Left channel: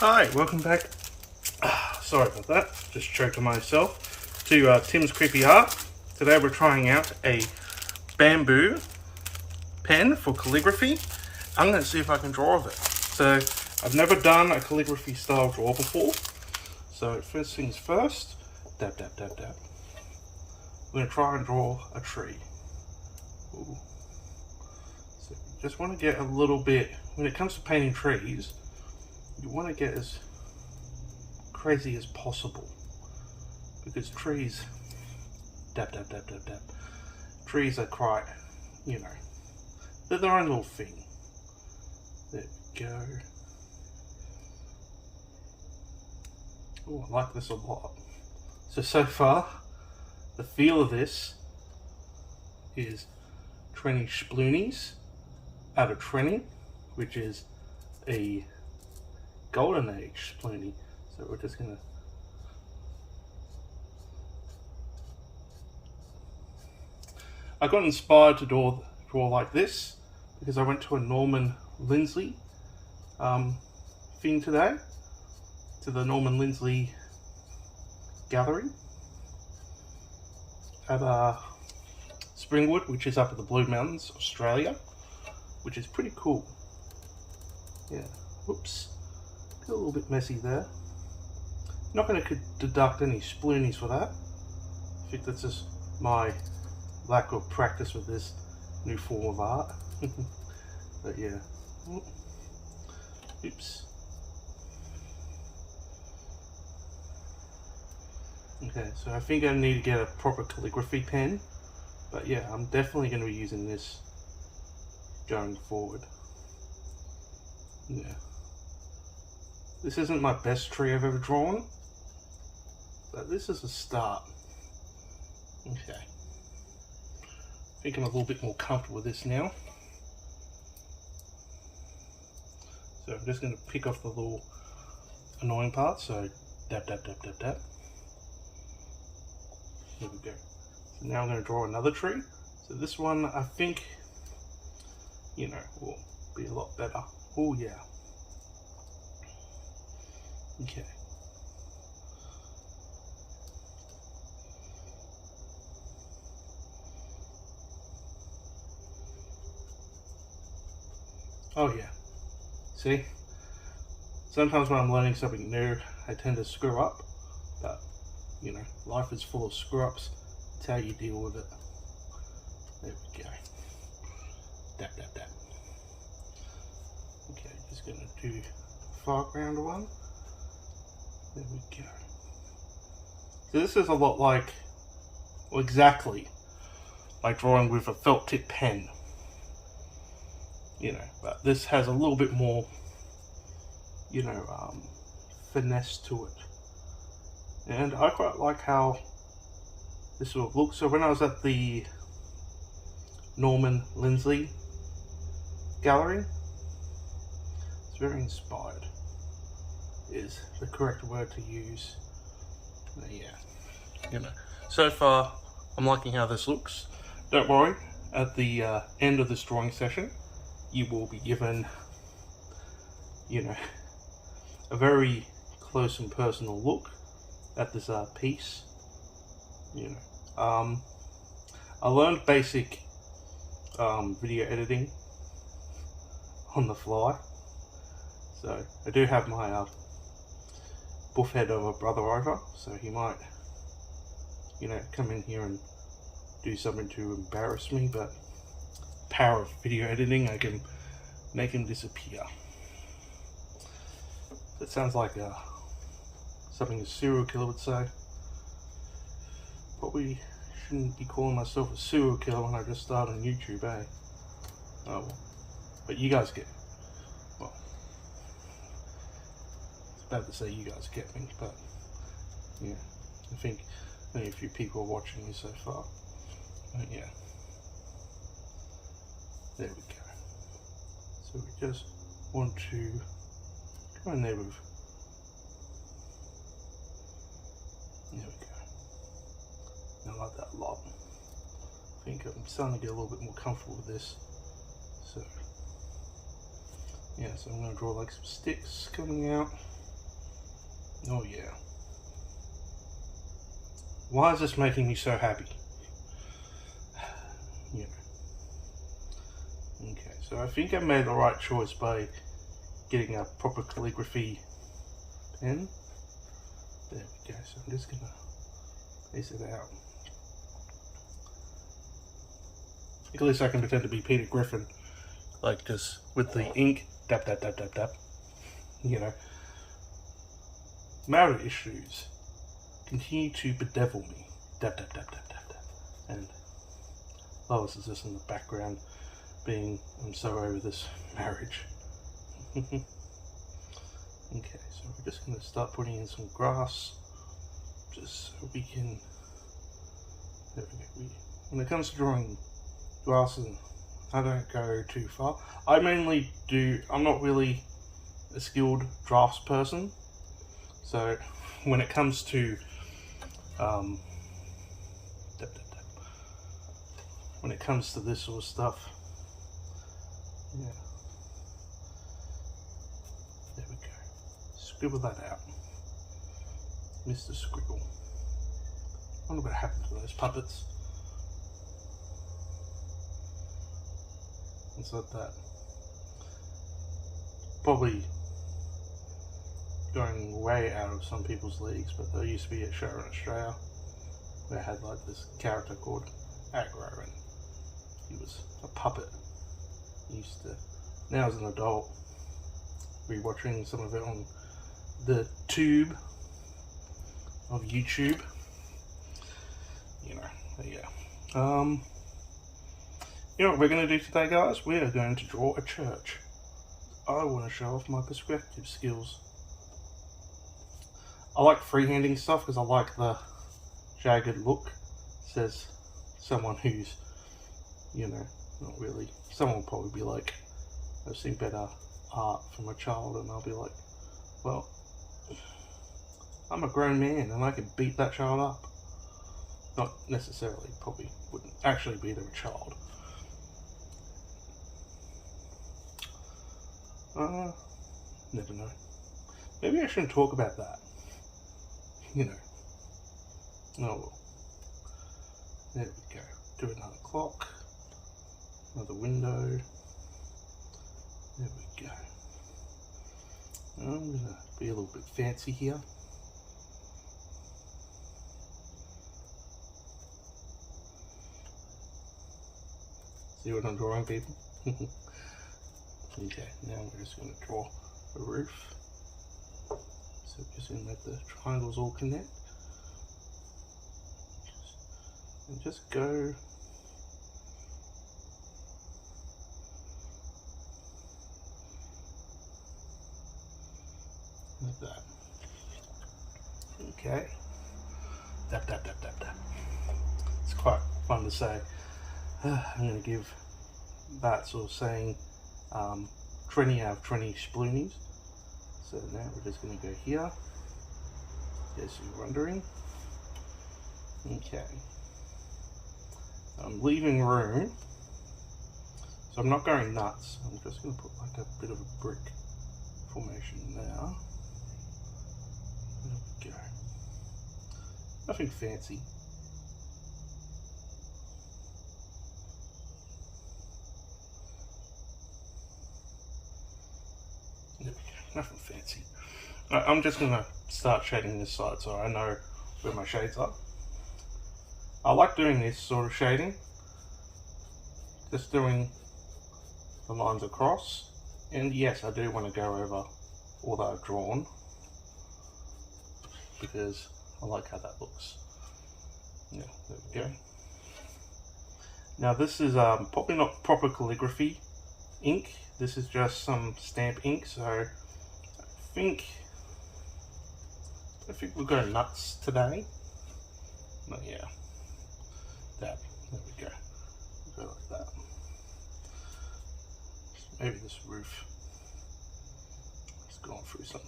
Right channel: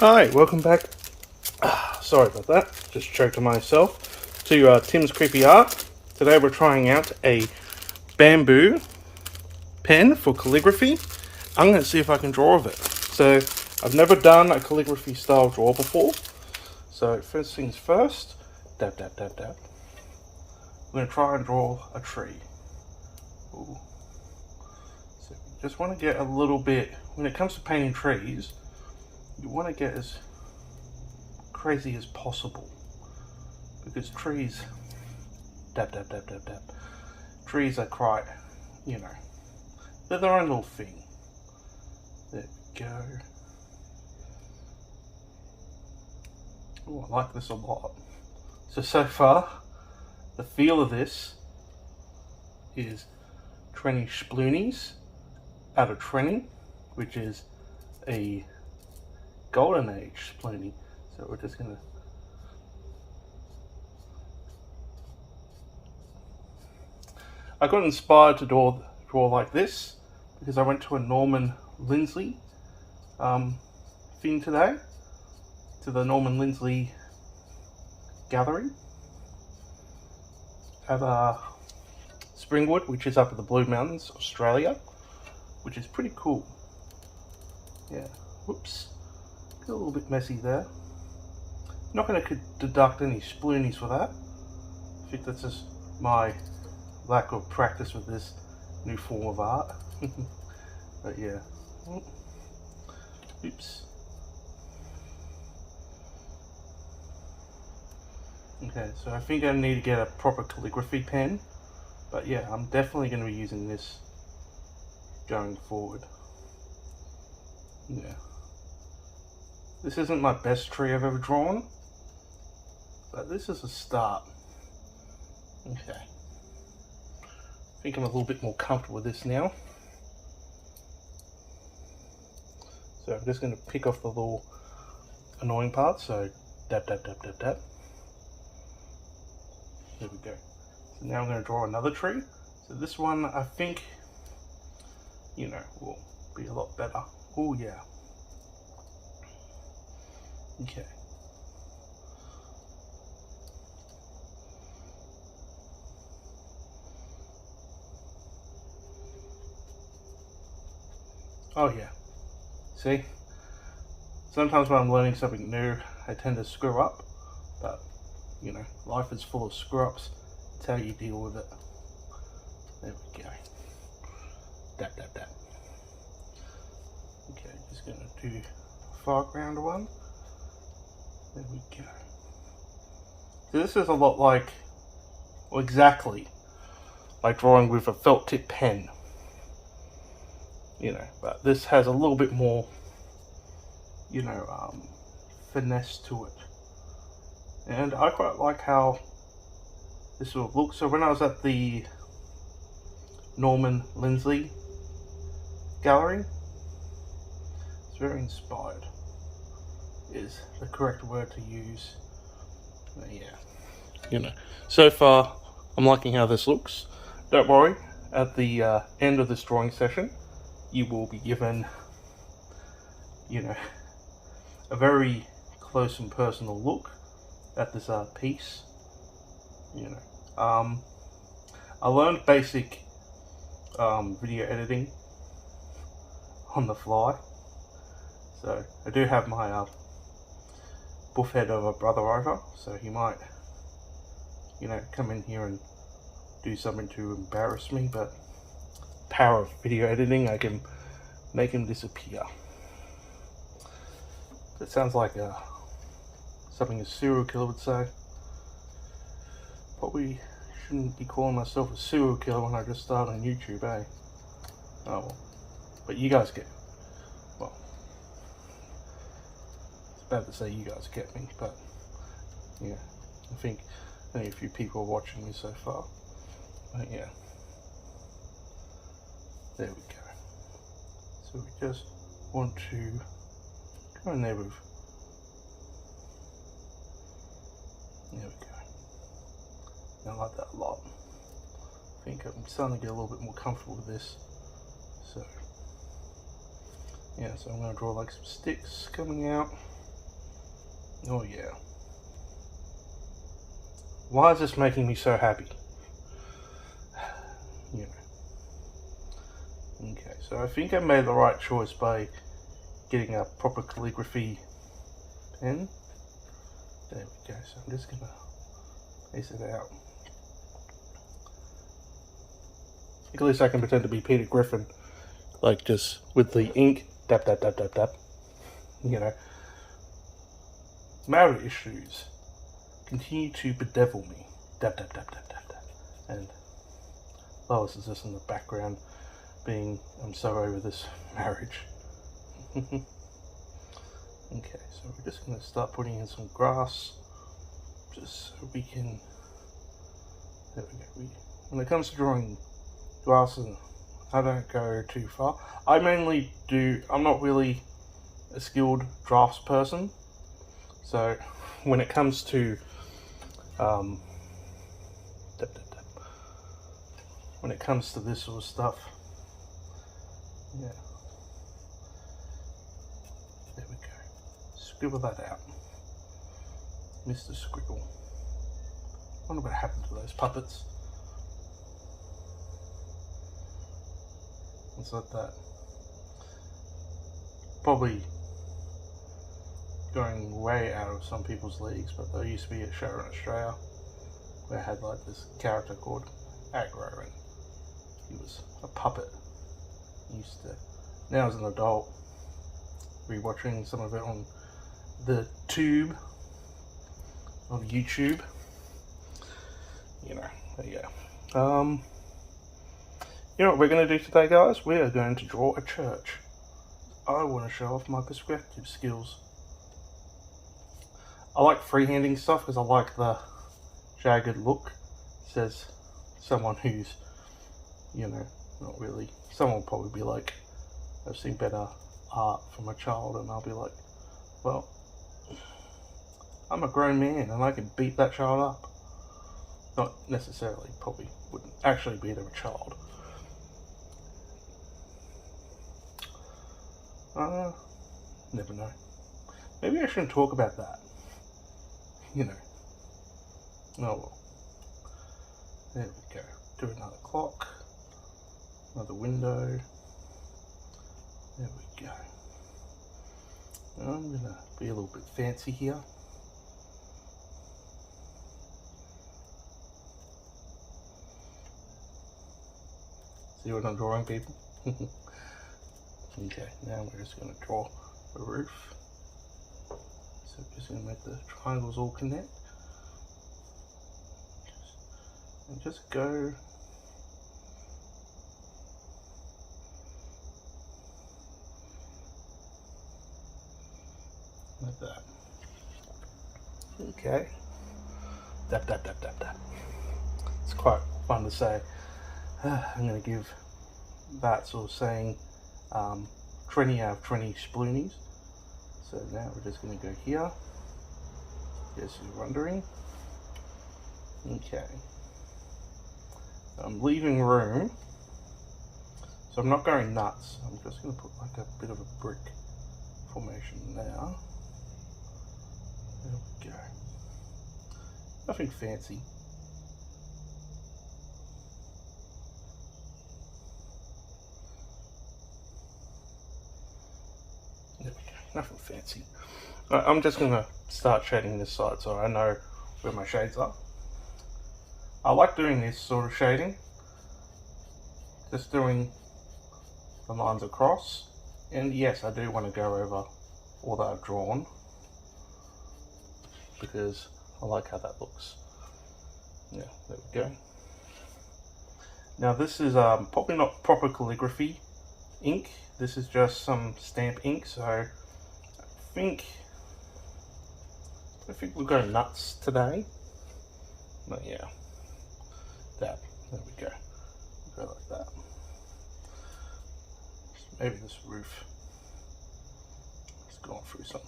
Hi, welcome back. Sorry about that, just choked on myself. To Tim's Creepy Art. Today we're trying out a bamboo pen for calligraphy. I'm going to see if I can draw with it. So, I've never done a calligraphy style draw before. So, first things first, dab, dab, dab, dab. I'm going to try and draw a tree. Ooh. So, just want to get a little bit, when it comes to painting trees, you want to get as crazy as possible, because trees, dab, dab, dab, dab, dab. Trees are quite, they're their own little thing. There we go. Oh, I like this a lot. So far, the feel of this is Trenny Sploonies out of Trenny, which is a golden age Sploonie. So we're just gonna I got inspired to draw like this because I went to a Norman Lindsley thing today, to the Norman Lindsley gallery at Springwood, which is up in the Blue Mountains, Australia, which is pretty cool. Yeah, whoops, got a little bit messy there. Not going to deduct any sploonies for that. I think that's just my lack of practice with this new form of art. But yeah, oops. Okay, so I think I need to get a proper calligraphy pen, but yeah, I'm definitely going to be using this going forward. Yeah, this isn't my best tree I've ever drawn, but this is a start. Okay, I think I'm a little bit more comfortable with this now. So I'm just going to pick off the little annoying parts. So dab, dab, dab, dab, dab. Here we go. So now I'm going to draw another tree. So this one, I think, will be a lot better. Oh yeah. Okay. Oh yeah. See? Sometimes when I'm learning something new, I tend to screw up, but life is full of screw ups. It's how you deal with it. There we go. Dab, dab, dab. Okay, just gonna do foreground one. There we go. So this is a lot like, well, exactly like drawing with a felt tip pen. But this has a little bit more, finesse to it. And I quite like how this sort of looks. So when I was at the Norman Lindsley gallery, it's very inspired, is the correct word to use. But yeah, so far I'm liking how this looks. Don't worry, at the end of this drawing session, you will be given, a very close and personal look at this piece. I learned basic video editing on the fly, so I do have my buff head of a brother over, so he might, come in here and do something to embarrass me, but power of video editing, I can make him disappear. That sounds like something a serial killer would say. Probably shouldn't be calling myself a serial killer when I just started on YouTube, eh? Oh well. But you guys get, well, it's bad to say you guys get me, but yeah, I think only a few people are watching me so far. But yeah, there we go. So we just want to go in there with, there we go. I like that a lot. I think I'm starting to get a little bit more comfortable with this. So yeah, so I'm going to draw like some sticks coming out. Oh yeah. Why is this making me so happy? Yeah. Okay, so I think I made the right choice by getting a proper calligraphy pen. There we go, so I'm just gonna piece it out. At least I can pretend to be Peter Griffin, like just with the ink, dab, dab, dab, dab, dab. You know. Marriage issues continue to bedevil me, dab, dab, dab, dab, dab, dab. And Lois is just in the background being, I'm so over this marriage. Okay, so we're just going to start putting in some grass, just so we can, there we go. When it comes to drawing grass, I don't go too far. I mainly do, I'm not really a skilled drafts person, so when it comes to, when it comes to this sort of stuff, yeah, there we go. Scribble that out, Mr. Scribble. I wonder what happened to those puppets. It's like that. Probably going way out of some people's leagues, but there used to be a show in Australia where I had like this character called Aggro, and he was a puppet. He used to, now as an adult, rewatching some of it on the tube of YouTube, you know, but yeah. You know what we're going to do today, guys? We are going to draw a church. I want to show off my perspective skills. I like freehanding stuff because I like the jagged look. Says someone who's, you know, not really. Someone will probably be like, I've seen better art from a child, and I'll be like, well, I'm a grown man and I can beat that child up. Not necessarily, probably wouldn't actually beat a child. Never know. Maybe I shouldn't talk about that. You know. Oh well. There we go. Do another clock. Another window. There we go. I'm gonna be a little bit fancy here. See what I'm drawing, people? Okay, now we're just going to draw a roof. So we're just going to make the triangles all connect. And just go like that. Okay. Dap, dap, dap, dap, dap. It's quite fun to say. I'm going to give that sort of saying 20 out of 20 sploonies. So now we're just going to go here. Yes, you're wondering. Okay. I'm leaving room. So I'm not going nuts. I'm just going to put like a bit of a brick formation now. There we go. Nothing fancy. Nothing fancy. I'm just going to start shading this side so I know where my shades are. I like doing this sort of shading. Just doing the lines across. And yes, I do want to go over all that I've drawn, because I like how that looks. Yeah, there we go. Now this is probably not proper calligraphy ink. This is just some stamp ink, so I think we'll go nuts today. But yeah, there we go. Go like that. Maybe this roof has gone through some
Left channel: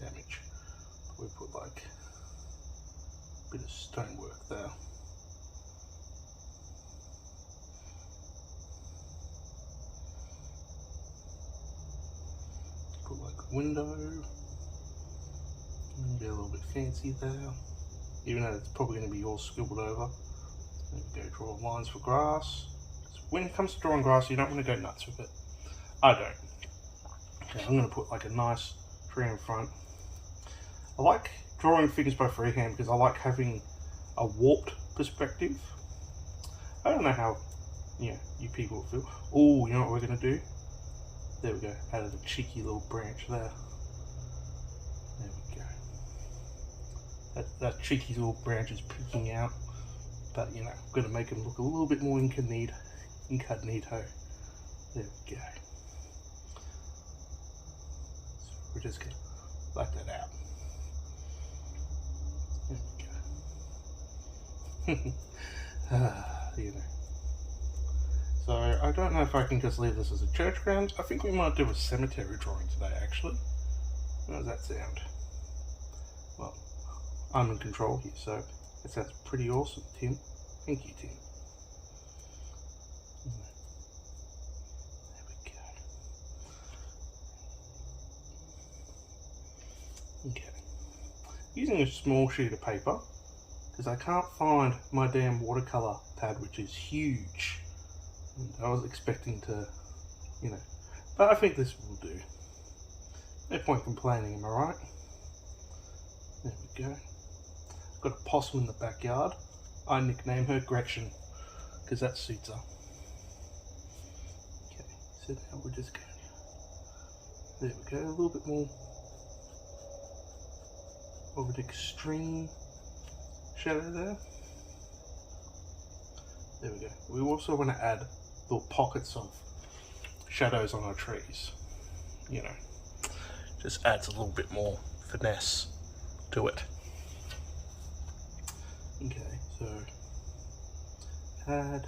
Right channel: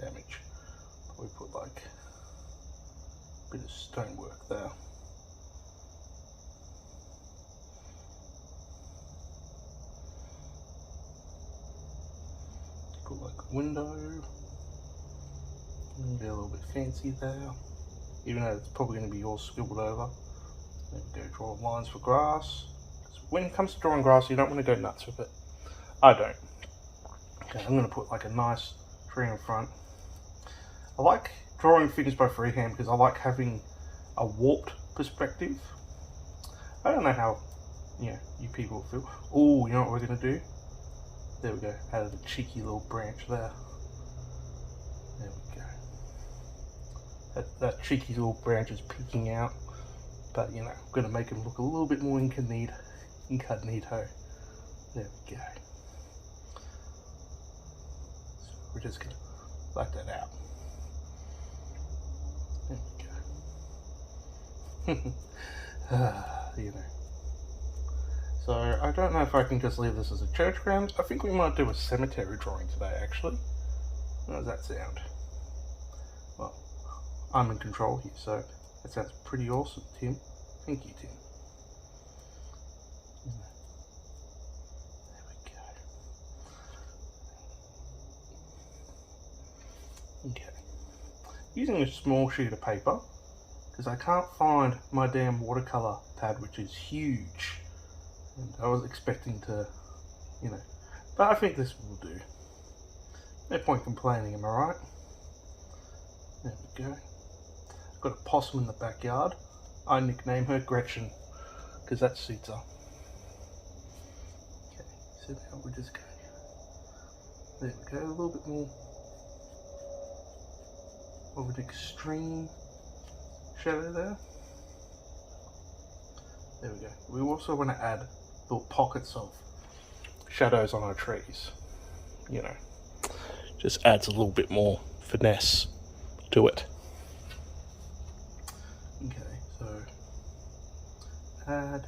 damage. We put like a bit of stonework there. Put like a window. Be a little bit fancy there, even though it's probably going to be all scribbled over. There we go, draw lines for grass. When it comes to drawing grass, you don't want to go nuts with it. I don't. Okay, I'm going to put like a nice tree in front. I like drawing figures by freehand because I like having a warped perspective. I don't know how you people feel. Oh, you know what we're going to do? There we go, add a cheeky little branch there. There we go. That cheeky little branch is peeking out, but I'm going to make him look a little bit more incognito. There we go. So we're just going to like that out. There we go. So I don't know if I can just leave this as a church ground. I think we might do a cemetery drawing today, actually. How does that sound? Well, I'm in control here, so that sounds pretty awesome, Tim. Thank you, Tim. There we go. Okay. Using a small sheet of paper, because I can't find my damn watercolor pad, which is huge. And I was expecting to, but I think this will do. No point complaining, am I right? There we go. Got a possum in the backyard. I nickname her Gretchen, because that suits her. Okay, so now we're just going, there we go, a little bit more of an extreme shadow there. There we go. We also want to add little pockets of shadows on our trees. Just adds a little bit more finesse to it. Okay, so add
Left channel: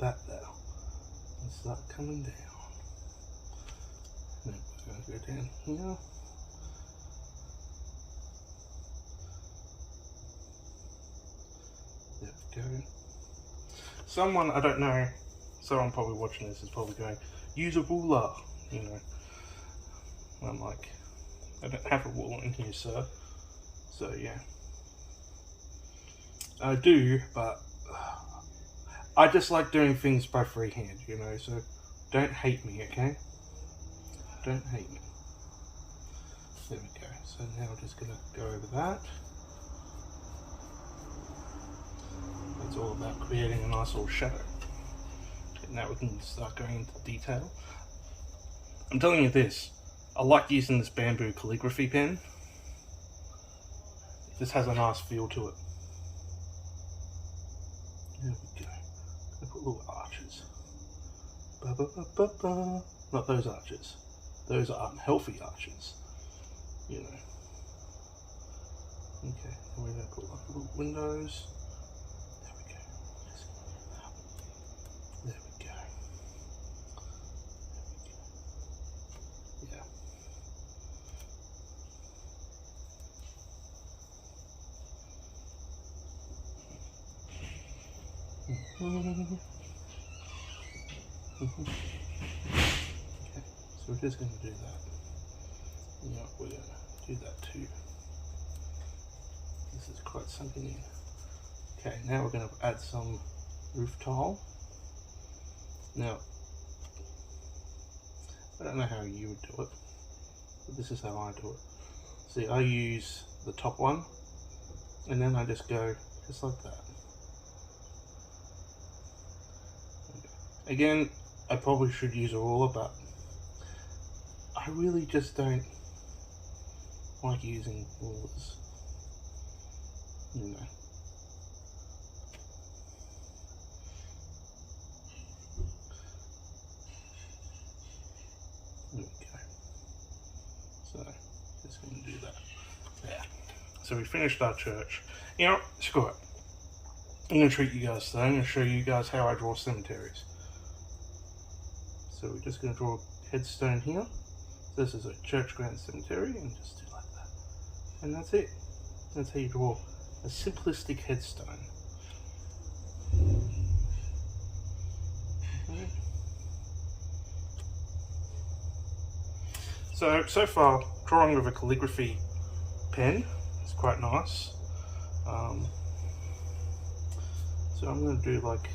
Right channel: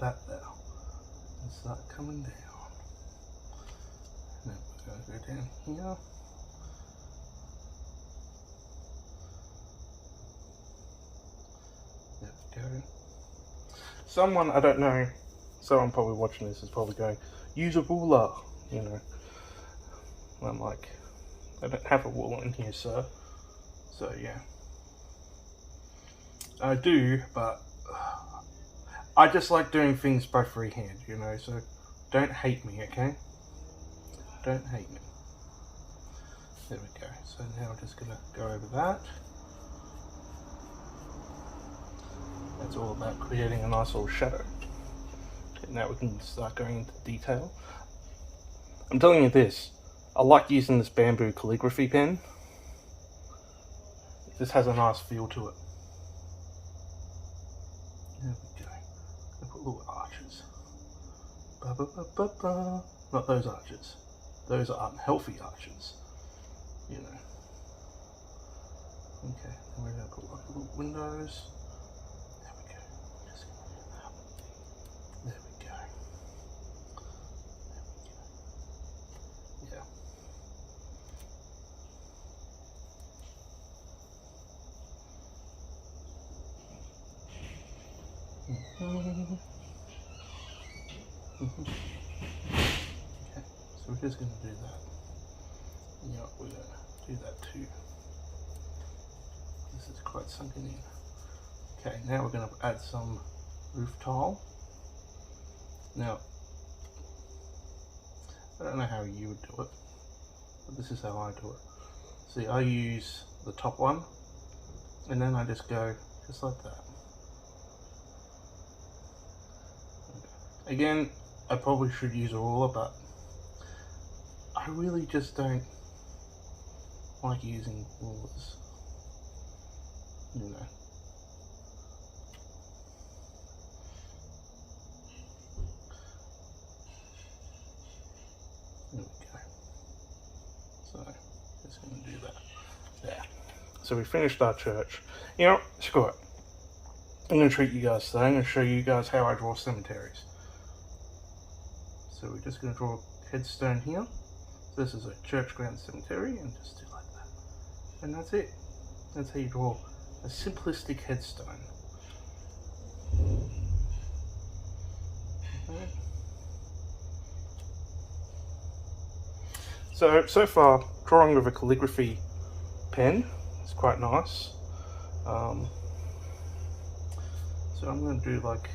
that there and start coming down. Now we're going to go down here. There we go. Someone, I don't know, someone probably watching this is probably going, use a ruler, I'm like, I don't have a ruler in here, sir. So yeah. I do, but I just like doing things by freehand, so don't hate me, okay? Don't hate me. There we go. So now we're just going to go over that. That's all about creating a nice little shadow. Okay, now we can start going into detail. I'm telling you this, I like using this bamboo calligraphy pen. This has a nice feel to it. There we go. I put little arches. Ba, ba, ba, ba, ba. Not those arches. Those are unhealthy arches. Okay, and we're going to put like little windows. There we go. Yeah. Okay, so we're just going to do that. Yeah, we're going to do that too. This is quite sunken in. Okay, now we're going to add some roof tile. Now, I don't know how you would do it, but this is how I do it. See, I use the top one, and then I just go just like that. Again, I probably should use a ruler, but I really just don't like using rulers, There we go. So, just going to do that. There. So we finished our church. Screw it. I'm going to treat you guys today. I'm going to show you guys how I draw cemeteries. So we're just going to draw a headstone here. So this is a church ground cemetery, and just do like that. And that's it. That's how you draw a simplistic headstone. Okay. So far, drawing with a calligraphy pen. It's quite nice. So I'm going to do like,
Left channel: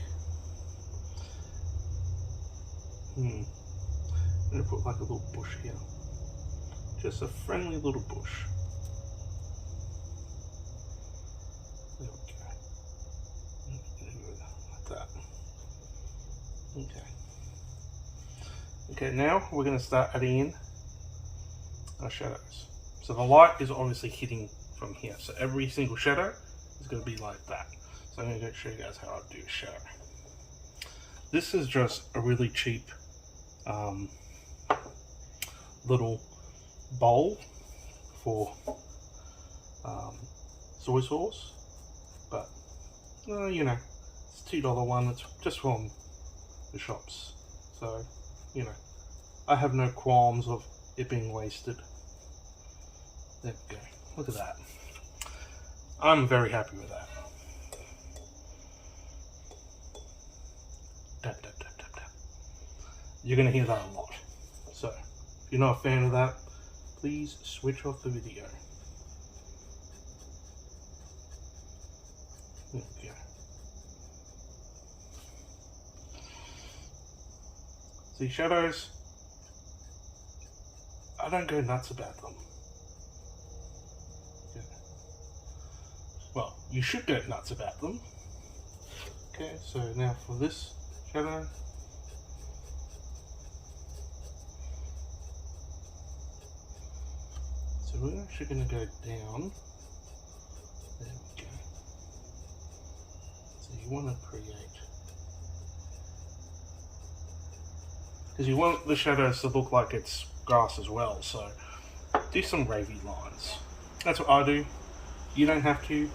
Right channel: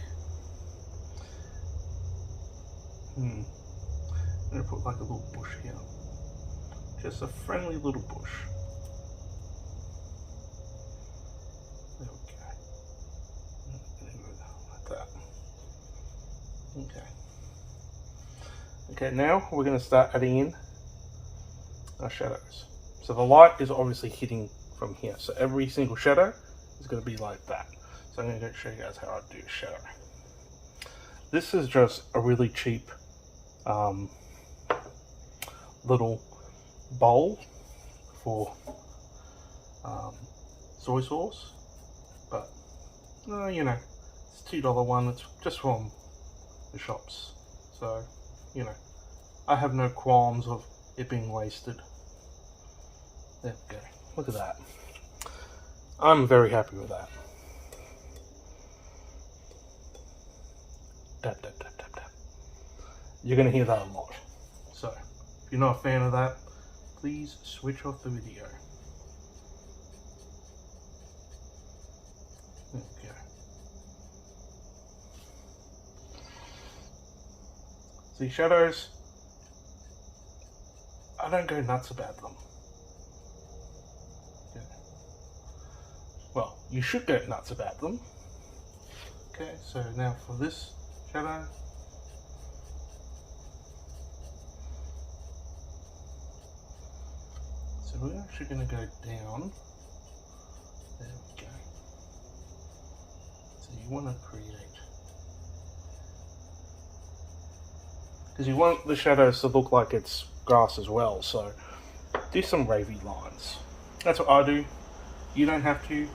I'm going to put like a little bush here. Just a friendly little bush. There we go. Like that. Okay. Okay, now we're going to start adding in our shadows. So the light is obviously hitting from here. So every single shadow is going to be like that. So I'm going to show you guys how I do a shadow. This is just a really cheap little bowl for soy sauce, but you know, it's $2 one. It's just from the shops, so you know, I have no qualms of it being wasted. There we go. Look at that. I'm very happy with that. Tap, tap, tap, tap, tap. You're going to hear that a lot. So, if you're not a fan of that, please switch off the video. There we go. See, shadows, I don't go nuts about them. Okay. Well, you should go nuts about them. Okay, so now for this shadow, so we're actually going to go down. There we go. So you want to create, because you want the shadows to look like it's grass as well, so do some wavy lines. That's what I do. You don't have to.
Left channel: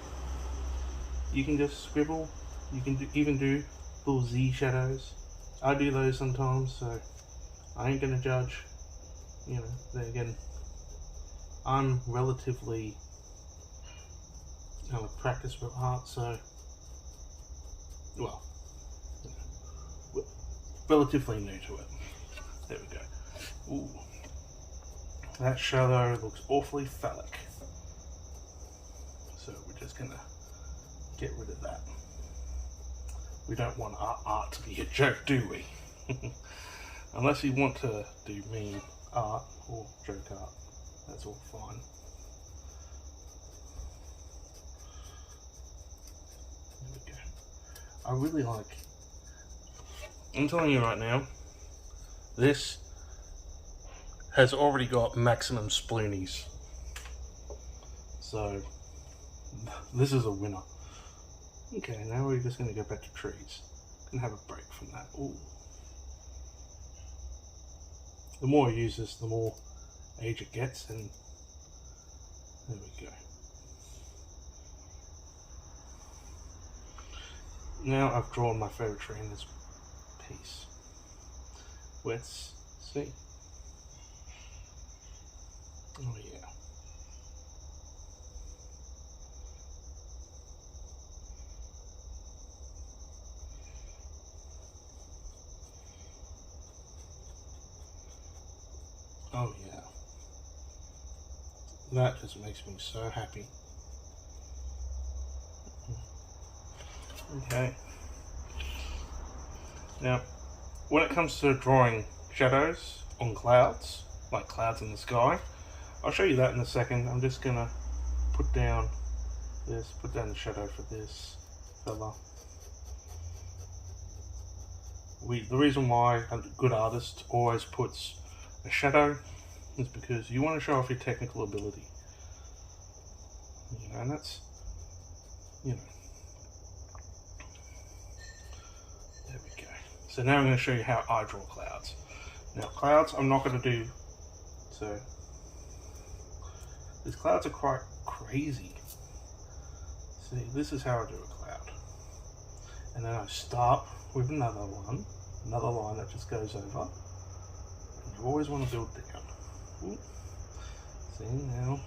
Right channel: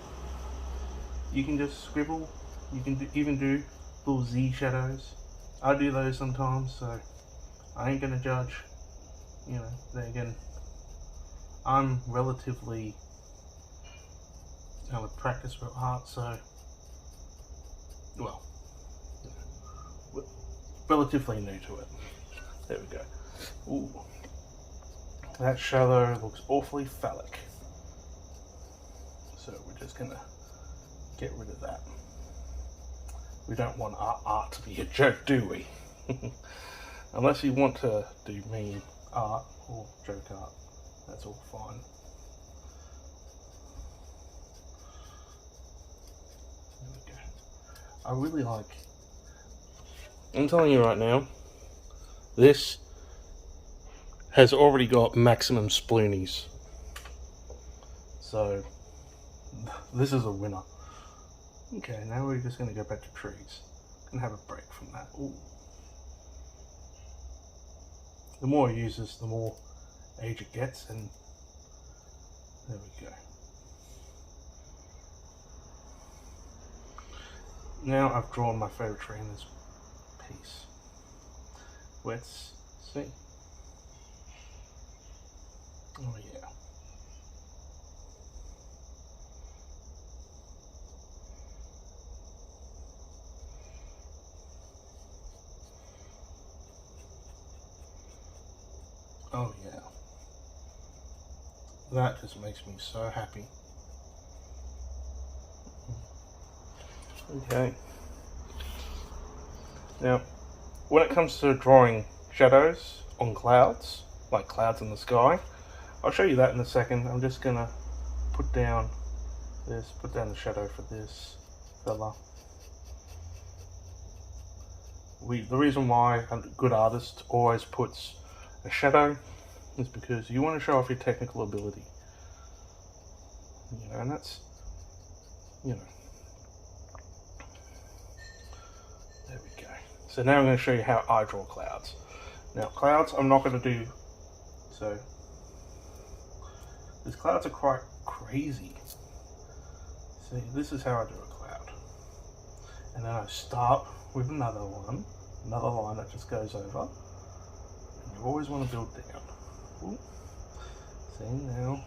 You can just scribble. You can even do little Z shadows. I do those sometimes, so I ain't gonna judge. You know, then again, I'm relatively out of practice with art, so well, relatively new to it. There we go. Ooh, that shadow looks awfully phallic. So we're just gonna get rid of that. We don't want our art to be a joke, do we? Unless you want to do mean art or joke art, that's all fine. There we go. I really like, I'm telling you right now, this has already got maximum sploonies. So, this is a winner. Okay, now we're just going to go back to trees and have a break from that. Ooh. The more I use this, the more age it gets, and there we go. Now I've drawn my favourite tree in this piece. Let's see. Oh yeah. Oh yeah, that just makes me so happy. Okay, now when it comes to drawing shadows on clouds, like clouds in the sky, I'll show you that in a second. I'm just gonna put down this, put down the shadow for this fella. The reason why a good artist always puts a shadow is because you want to show off your technical ability. You know, and that's, you know. There we go. So now I'm going to show you how I draw clouds. Now clouds I'm not going to do, so these clouds are quite crazy. See, this is how I do a cloud. And then I start with another line that just goes over. You always want to build down. Ooh. See, now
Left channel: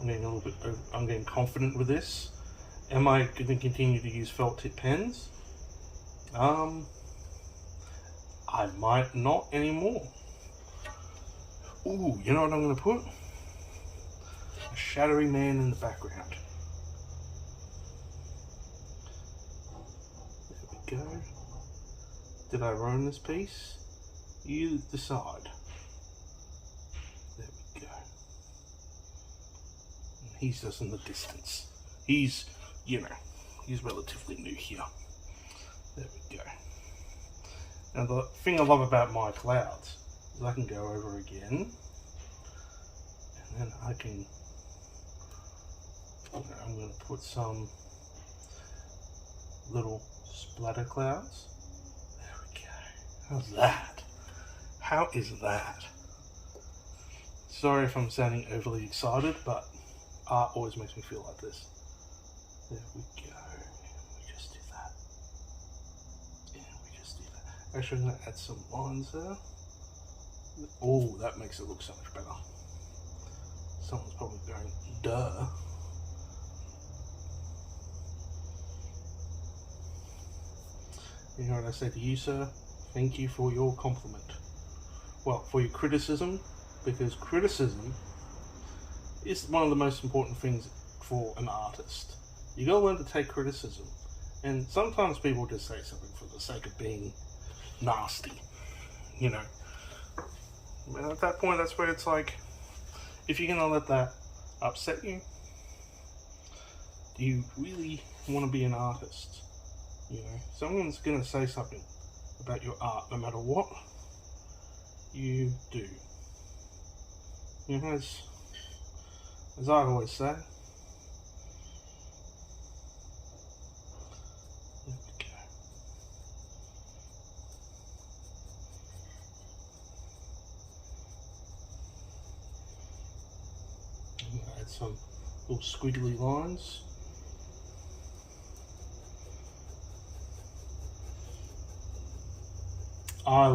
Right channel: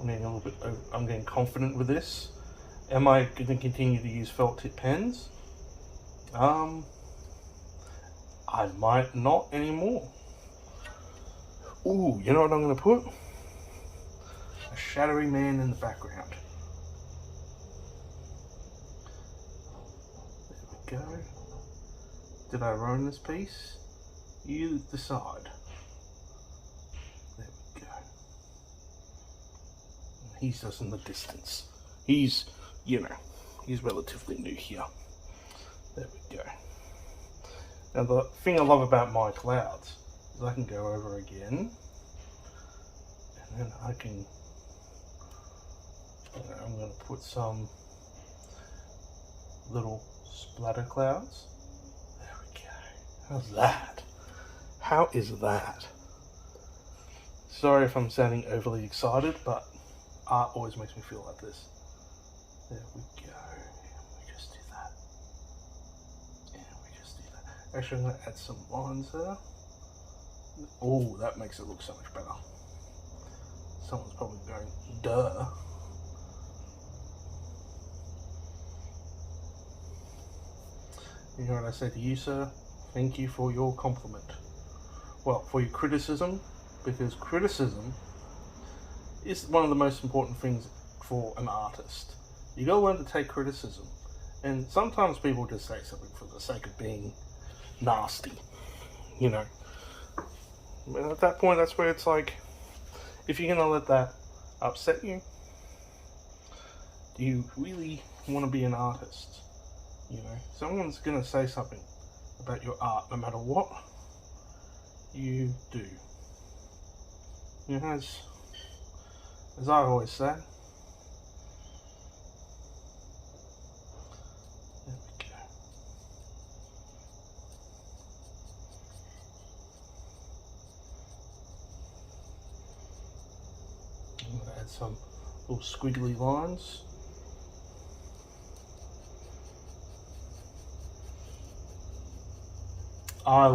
I'm getting a little bit, I'm getting confident with this. Am I going to continue to use felt tip pens? I might not anymore. Ooh, you know what I'm going to put? A shadowy man in the background. There we go. Did I ruin this piece? You decide. There we go. He's just in the distance. He's, you know, he's relatively new here. There we go. Now the thing I love about my clouds is I can go over again, and then I can, I'm going to put some little splatter clouds. There we go. How's that? How is that? Sorry if I'm sounding overly excited, but art always makes me feel like this. There we go. We just do that. Yeah, we just do that. Actually, I'm going to add some lines there. Oh, that makes it look so much better. Someone's probably going, duh. You know what I say to you, sir? Thank you for your compliment. Well, for your criticism, because criticism is one of the most important things for an artist. You gotta learn to take criticism. And sometimes people just say something for the sake of being nasty, you know. And at that point, that's where it's like, if you're gonna let that upset you, do you really want to be an artist? You know, someone's gonna say something about your art, no matter what you do. You know, as I always say, there we go. I'm gonna add some little squiggly lines. I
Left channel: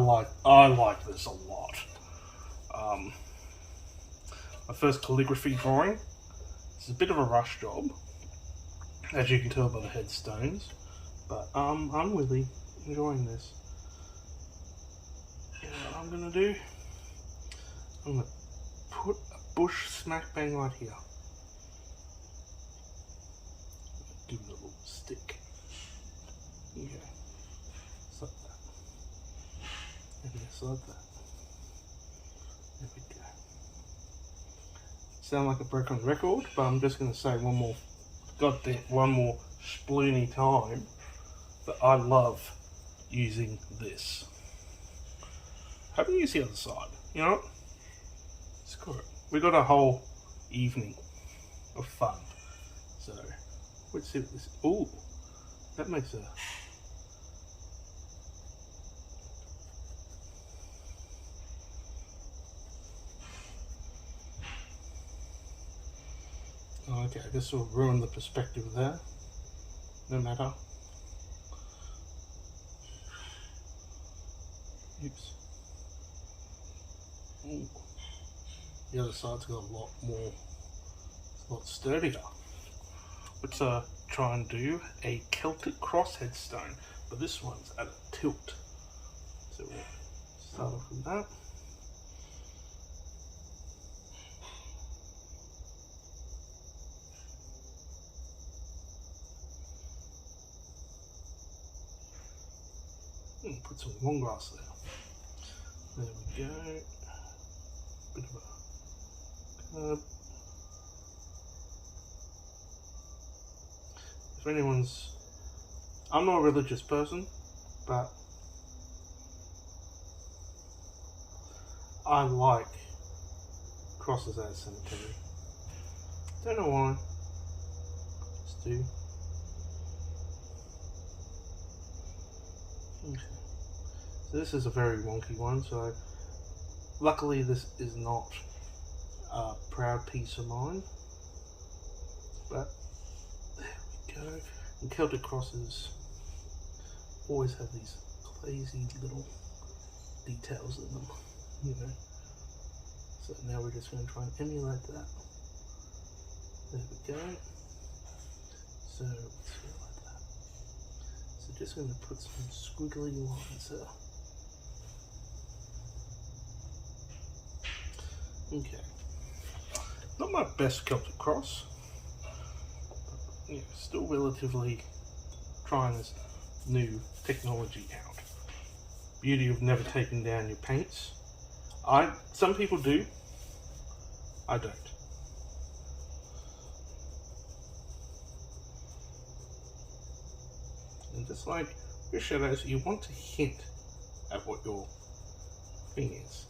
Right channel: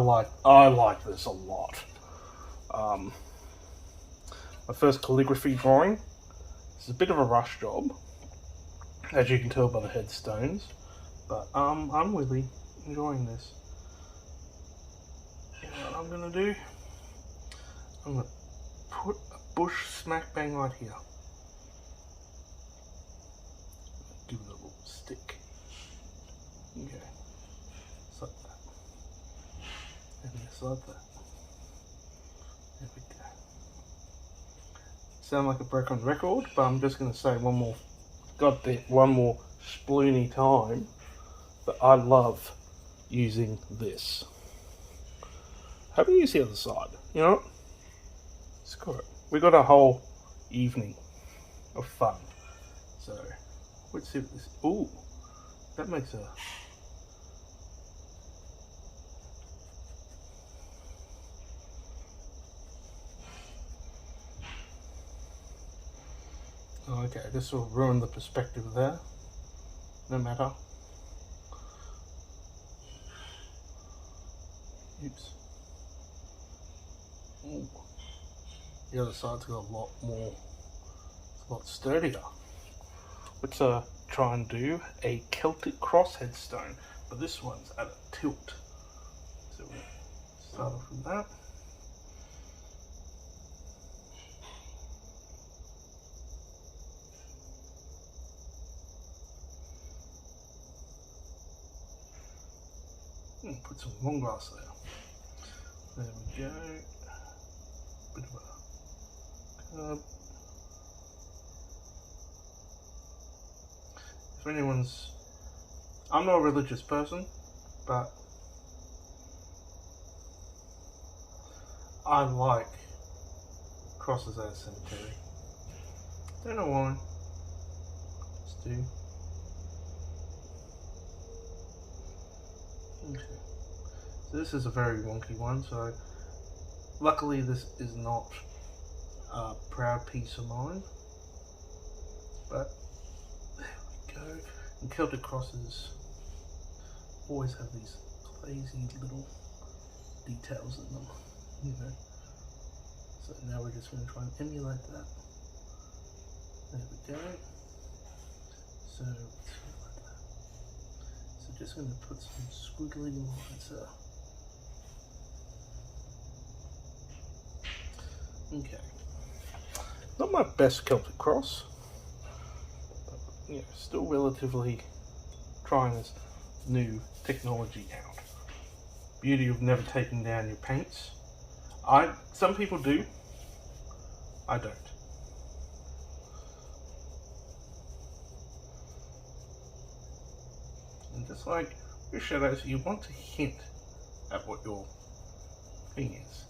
like this a lot. My first calligraphy drawing. It's a bit of a rush job, as you can tell by the headstones, but I'm really enjoying this. You know what I'm gonna do? I'm gonna put a bush smack bang right here. Give it a little stick. Okay, just like that. And just like that. There we go. Sound like a broken record, but I'm just going to say one more sploony time that I love using this. How do you see the other side? You know, it's got it. We got a whole evening of fun. So let's see what this. Ooh, that makes a. Okay, this will ruin the perspective there. No matter. Oops. Ooh. The other side's got a lot sturdier. Let's try and do a Celtic cross headstone, but this one's at a tilt. So we'll start off with that. Put some long grass there. There we go. Bit of a curve. If anyone's, I'm not a religious person, but I like crosses at a cemetery. Don't know why. Just do. Okay. So this is a very wonky one, so luckily this is not a proud piece of mine, but there we go. And Celtic crosses always have these crazy little details in them, you know. So now we're just going to try and emulate that. There we go. So let's go like that. So just going to put some squiggly lines there. Okay. Not my best Celtic cross. Yeah, still relatively trying this new technology out. Beauty of never taking down your paints. Some people do. I don't. And just like your shadows, you want to hint at what your thing is.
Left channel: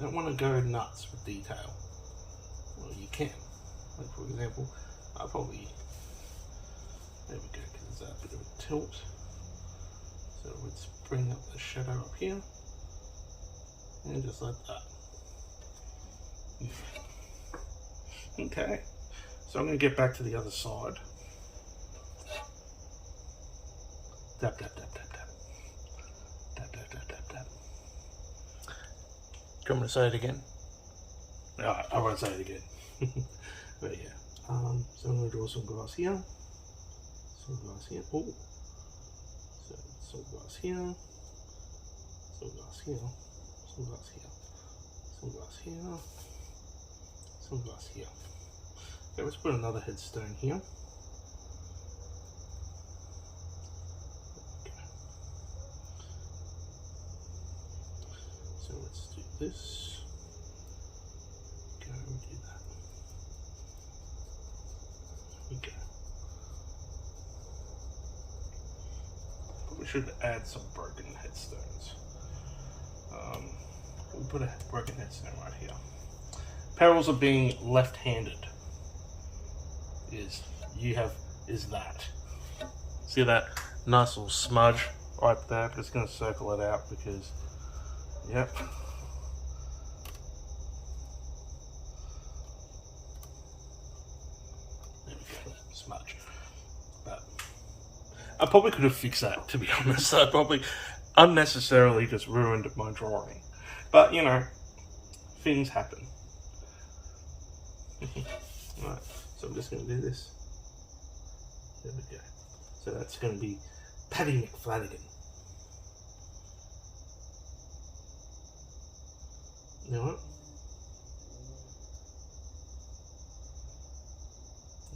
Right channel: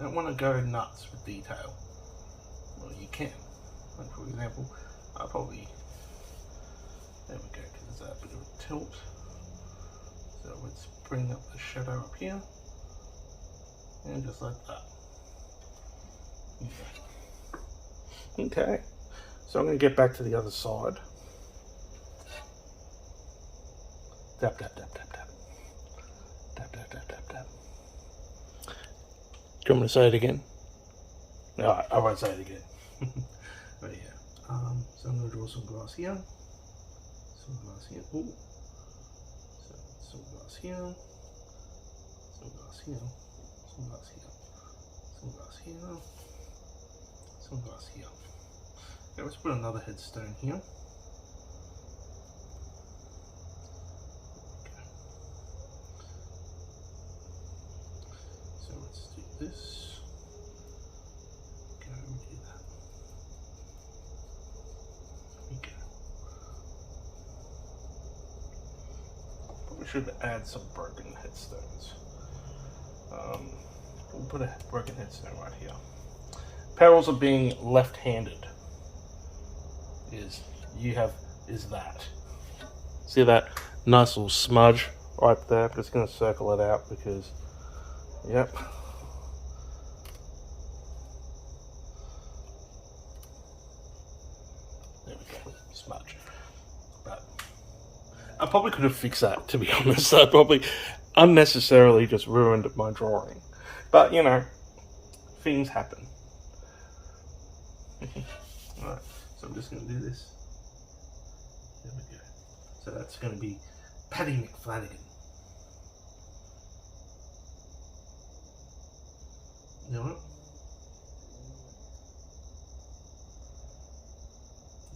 Don't want to go nuts with detail. Well, you can. Like for example, there we go, because there's a bit of a tilt. So let's bring up the shadow up here, and just like that. Okay, so I'm going to get back to the other side. Tap, tap, tap, tap, tap. Tap, tap, tap, tap, tap. Do you want me to say it again? No, I won't say it again. But yeah, so I'm going to draw some grass here. Some grass here. Oh, so some grass here. Some grass here. Some grass here. Some grass here. Some grass here. Okay, let's put another headstone here. So let's do this. Go and do that. There we go. Probably should add some broken headstones. We'll put a broken headstone right here. Perils of being left-handed is that. See that nice little smudge right there? I'm just going to circle it out because, yep. There we go, smudge. But I probably could have fixed that, to be honest. I probably unnecessarily just ruined my drawing. But, you know, things happen. Alright, so I'm just going to do this. There we go. So that's going to be Paddy McFlanagan. You know what?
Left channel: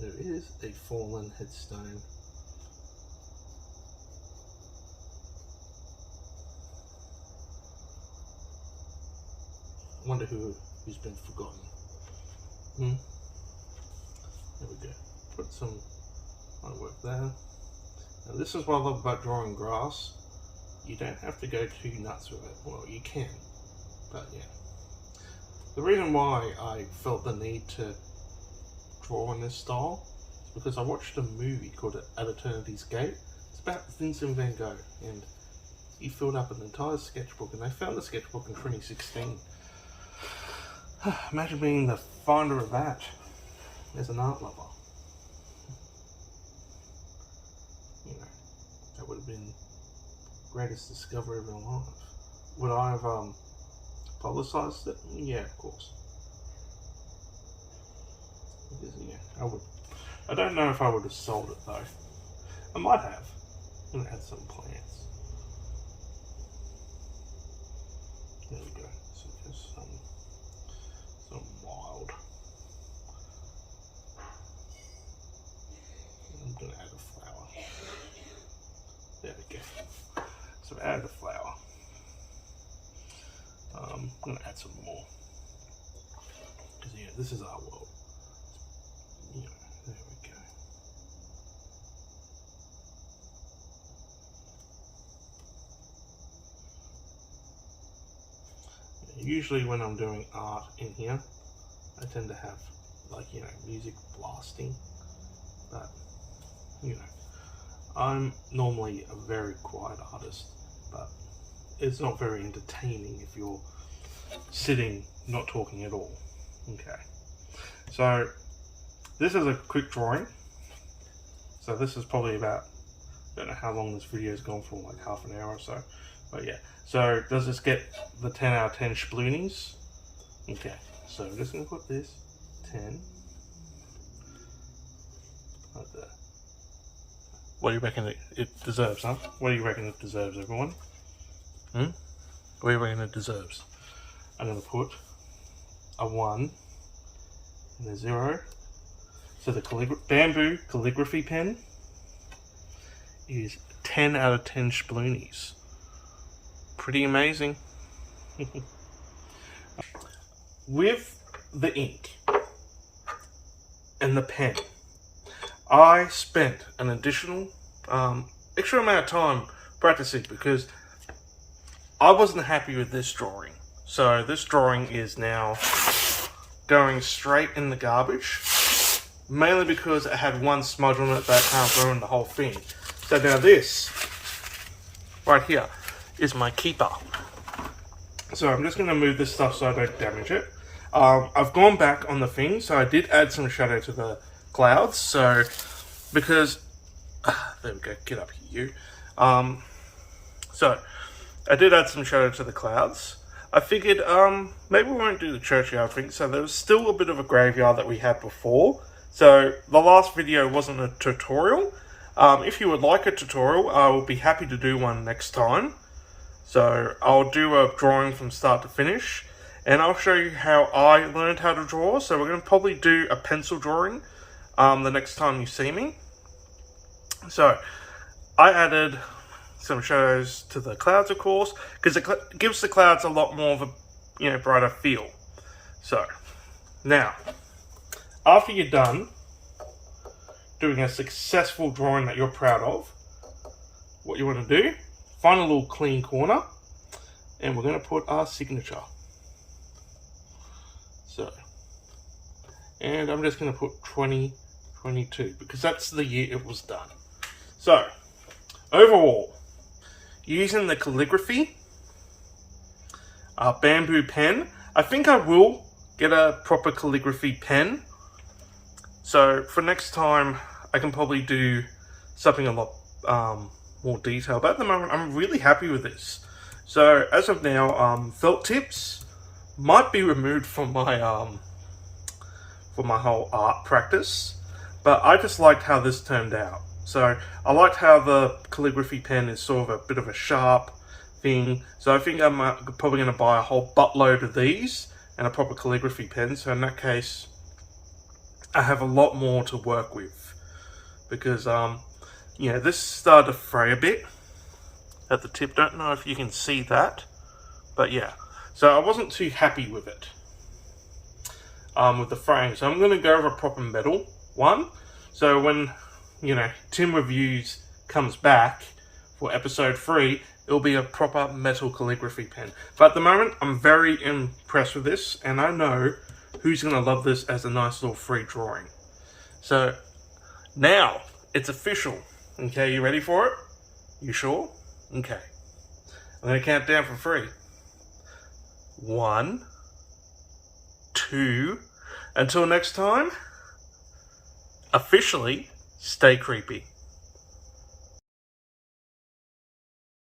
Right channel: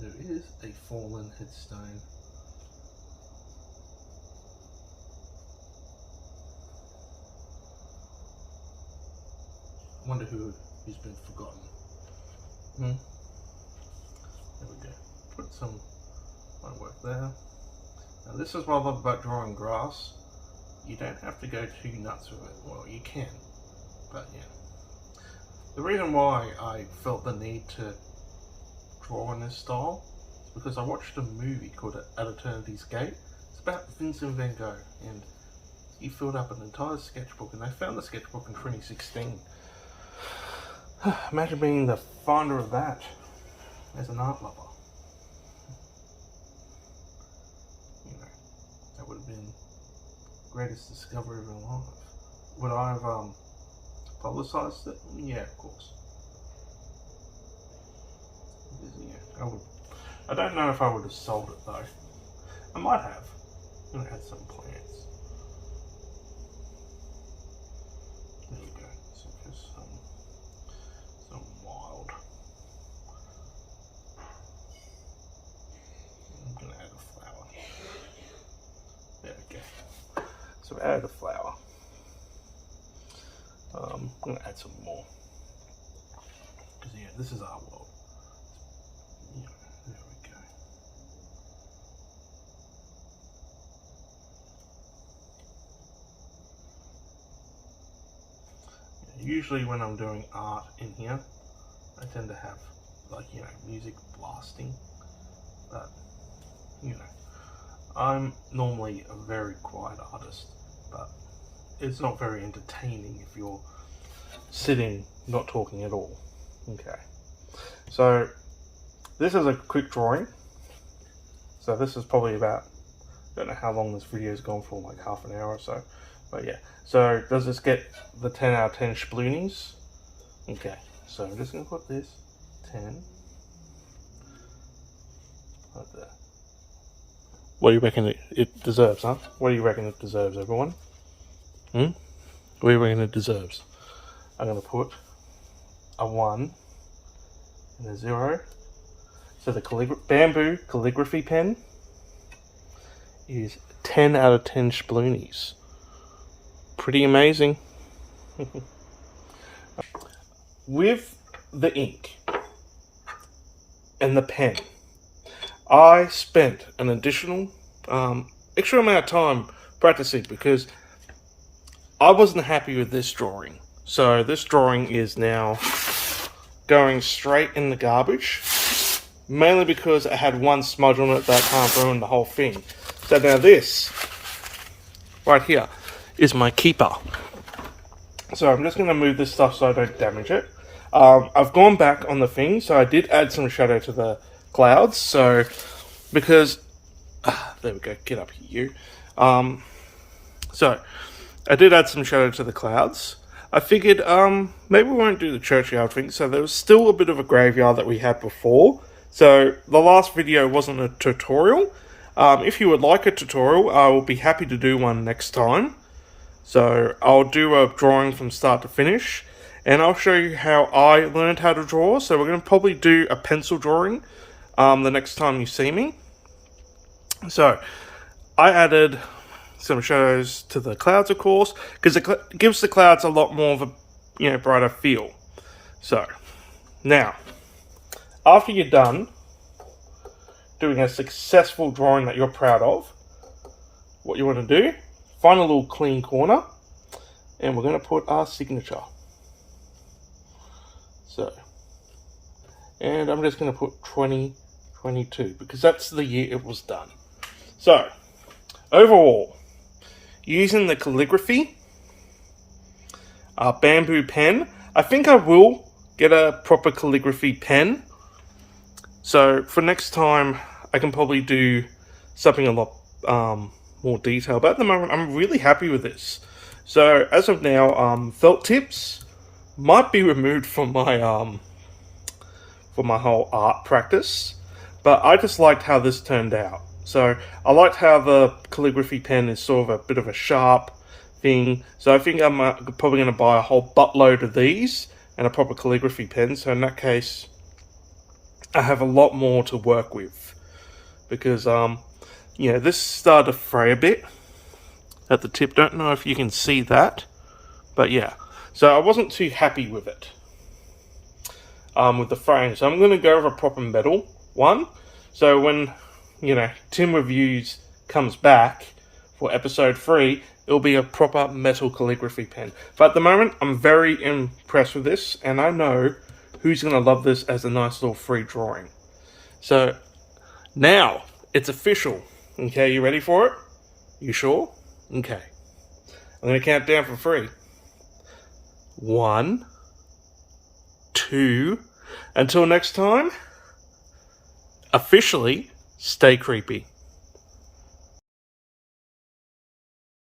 There is a fallen headstone. I wonder who's been forgotten. There we go. Put some my work there. Now this is what I love about drawing grass. You don't have to go too nuts with it. Well, you can, but yeah. The reason why I felt the need to draw in this style is because I watched a movie called At Eternity's Gate. It's about Vincent van Gogh, and he filled up an entire sketchbook, and they found the sketchbook in 2016. Imagine being the finder of that as an art lover. You know, that would have been the greatest discovery of your life. Would I have publicized it? Yeah, of course. Because, yeah, I would. I don't know if I would have sold it though. I might have. And had some plans. There we go. So just some wild. I'm gonna add a flower. There we go. So I added a flower. I'm gonna add some more. Because yeah, this is our world. Yeah, there we go. Usually when I'm doing art in here, I tend to have, like, you know, music blasting, but, you know, I'm normally a very quiet artist, but it's not very entertaining if you're sitting not talking at all. Okay, so this is a quick drawing, so this is probably about, I don't know how long this video has gone for, like half an hour or so, but yeah. So does this get the 10 out of 10 sploonies? Okay, so I'm just going to put this 10 like that. What do you reckon it deserves, huh? What do you reckon it deserves, everyone? What do you reckon it deserves? I'm going to put a 1 and a 0. So the bamboo calligraphy pen is 10 out of 10 sploonies. Pretty amazing. With the ink and the pen, I spent an additional extra amount of time practicing because I wasn't happy with this drawing. So this drawing is now going straight in the garbage, mainly because it had one smudge on it that ruined the whole thing. So now this right here is my keeper. So I'm just going to move this stuff so I don't damage it. I've gone back on the thing, so I did add some shadow to the clouds. So because there we go, get up here, you. So I did add some shadow to the clouds. I figured maybe we won't do the churchyard thing. So there was still a bit of a graveyard that we had before. So the last video wasn't a tutorial. If you would like a tutorial, I will be happy to do one next time. So I'll do a drawing from start to finish, and I'll show you how I learned how to draw. So we're going to probably do a pencil drawing the next time you see me. So I added some shadows to the clouds, of course, because it gives the clouds a lot more of a brighter feel. So now, after you're done doing a successful drawing that you're proud of, what you want to do, find a little clean corner, and we're going to put our signature. So, and I'm just going to put 2022 because that's the year it was done. So, overall, using the calligraphy bamboo pen, I think I will get a proper calligraphy pen. So for next time, I can probably do something a lot more detailed. But at the moment, I'm really happy with this. So as of now, felt tips might be removed from my whole art practice. But I just liked how this turned out. So I liked how the calligraphy pen is sort of a bit of a sharp thing. So I think I'm probably going to buy a whole buttload of these and a proper calligraphy pen. So in that case, I have a lot more to work with because this started to fray a bit at the tip. Don't know if you can see that, but yeah. So I wasn't too happy with it with the frame. So I'm going to go over a proper metal one. So when Tim Reviews comes back for episode 3, it'll be a proper metal calligraphy pen. But at the moment, I'm very impressed with this, and I know who's going to love this as a nice little free drawing. So now it's official. Okay, you ready for it? You sure? Okay. I'm going to count down from 3. 1, 2. Until next time, officially, stay creepy.